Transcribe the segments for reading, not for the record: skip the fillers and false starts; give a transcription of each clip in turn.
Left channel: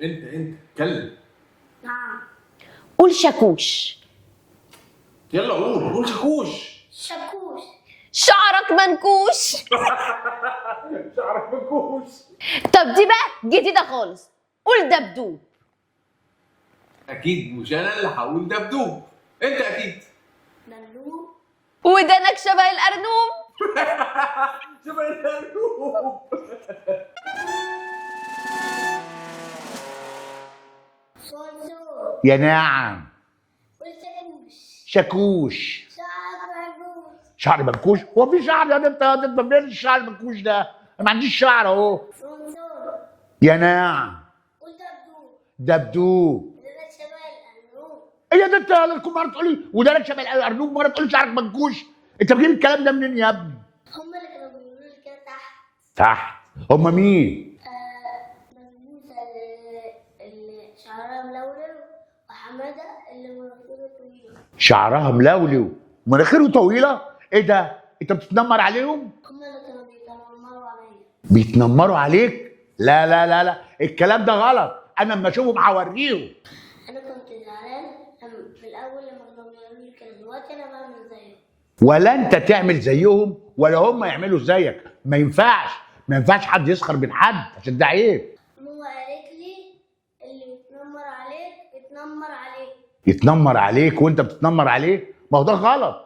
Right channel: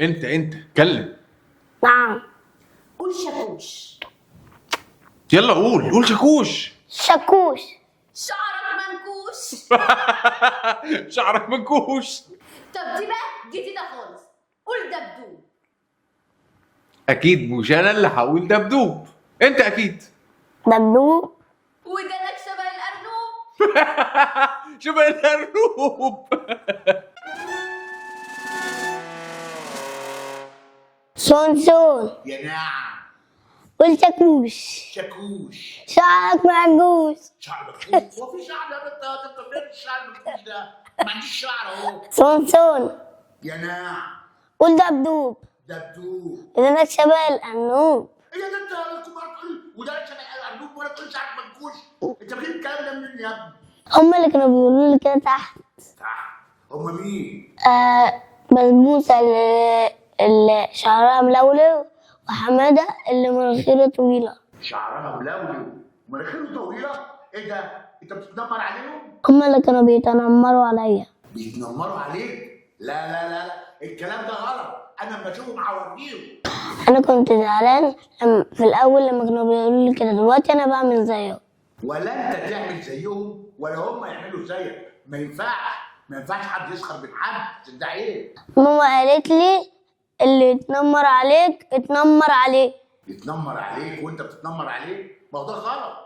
انت اتكلم. نعم. قول شاكوش. يلا قول شاكوش. شاكوش. شعرك منكوش. شعرك منكوش. طب دي بقى جديدة خالص، قول دبدوب. اكيد مش انا اللي هقول دبدوب، انت اكيد. دبدوب. ودانك شبه الأرنوب. شبه الارنوب. صنصون. يا نعم. قول شاكوش. شاكوش. شعرك منكوش. شعر منكوش؟ هو في شعر يا انت منين الشعر المنكوش ده؟ ما عنديش شعر اهو. صنصون. يا نعم. قول دبدوب. دبدوب. ودانك شبه الأرنوب. ايه ده؟ انت كل مره تقول لي ودانك شبه الارنوب، مره تقول لي شعرك منكوش. انت بتجيب الكلام ده منين يا ابني؟ هما اللي كانوا بيقولوا لي كده تحت. تحت؟ هم مين؟ بسبوسة اللي شعرها ملولو، وحمادة اللي مناخيره طويلة. شعرها ملولو ومناخيره طويله؟ ايه ده؟ انت بتتنمر عليهم؟ هما اللي كانوا بيتنمروا عليا. بيتنمروا عليك؟ لا لا لا لا، الكلام ده غلط. انا اما اشوفهم هوريهم. أنا كنت زعلان في الأول لما كانوا بيقولوا لي كده، دلوقتي أنا بعمل زيهم. ولا انت تعمل زيهم ولا هم يعملوا زيك. ما ينفعش، ما ينفعش حد يسخر من حد عشان ده عيب. ماما قالت لي اللي يتنمر عليك اتنمر عليه. يتنمر عليك وانت بتتنمر عليه؟ ما هو ده غلط.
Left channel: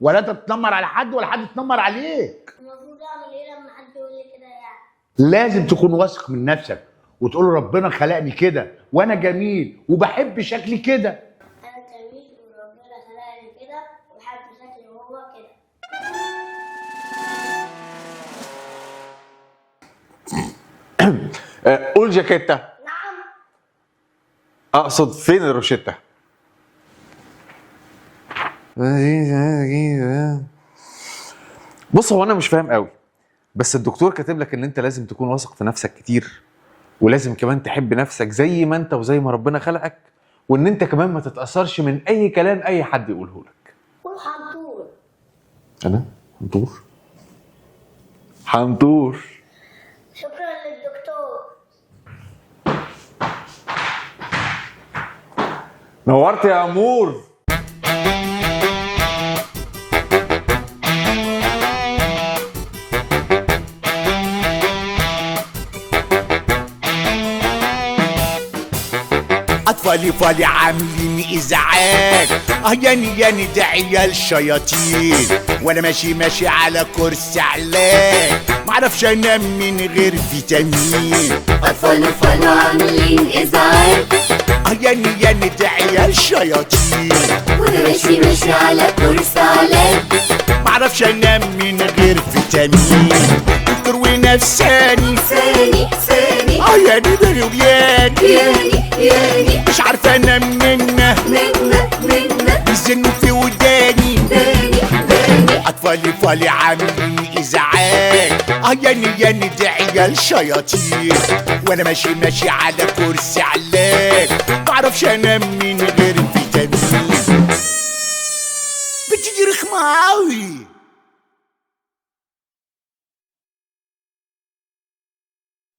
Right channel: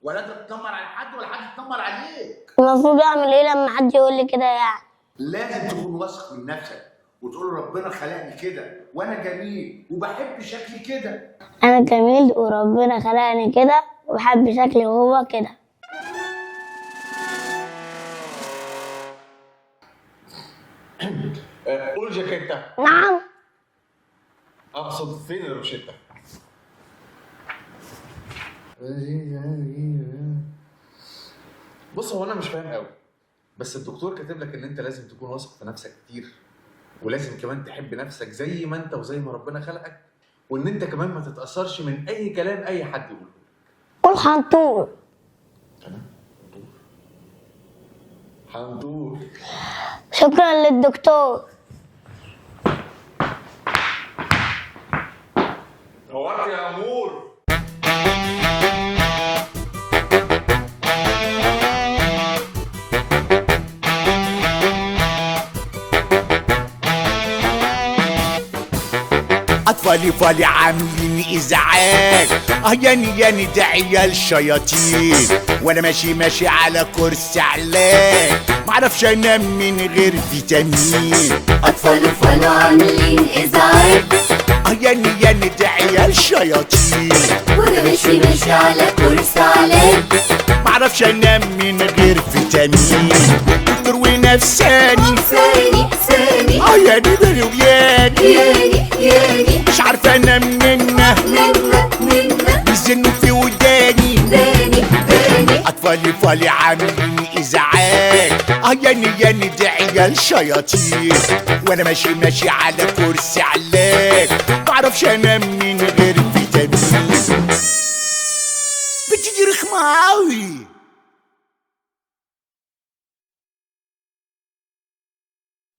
ولا انت تتنمر على حد ولا حد يتنمر عليك. المفروض أعمل إيه لما حد يقول لي كده يعني؟ لازم تكون واثق من نفسك وتقول ربنا خلقني كده وانا جميل وبحب شكلي كده. أنا جميل وربنا خلقني كده وبحب شكلي وهو كده. قول جاكيتة. نعم. اقصد فين الروشتة؟ بص، هو انا مش فاهم قوي، بس الدكتور كاتب لك ان انت لازم تكون واثق في نفسك كتير، ولازم كمان تحب نفسك زي ما انت وزي ما ربنا خلقك، وان انت كمان ما تتأثرش من اي كلام اي حد يقوله لك. قول حنطور. انا حنطور؟ حنطور. شكرا للدكتور. نورت يا امور. اطفالي فالي عاملين ازعاج، ياني ده عيال شياطين، وانا ماشي على كرسي علاج، معرفش انام من غير فيتامين. اطفالي فالي عاملين ازعاج، ياني ده عيال شياطين، وانا ماشي على كرسي علاج، معرفش انام من غير فيتامين. دكتور ونفساني ثاني ياني ده وياني ياني مش عارفه انام منه بيزنوا في وداني. اطفالي فالي عاملين ازعاج، ياني ده عيال شياطين، وانا ماشي على كرسي علاج، معرفش انام من غير فيتامين. بتيجي رخمه قوي.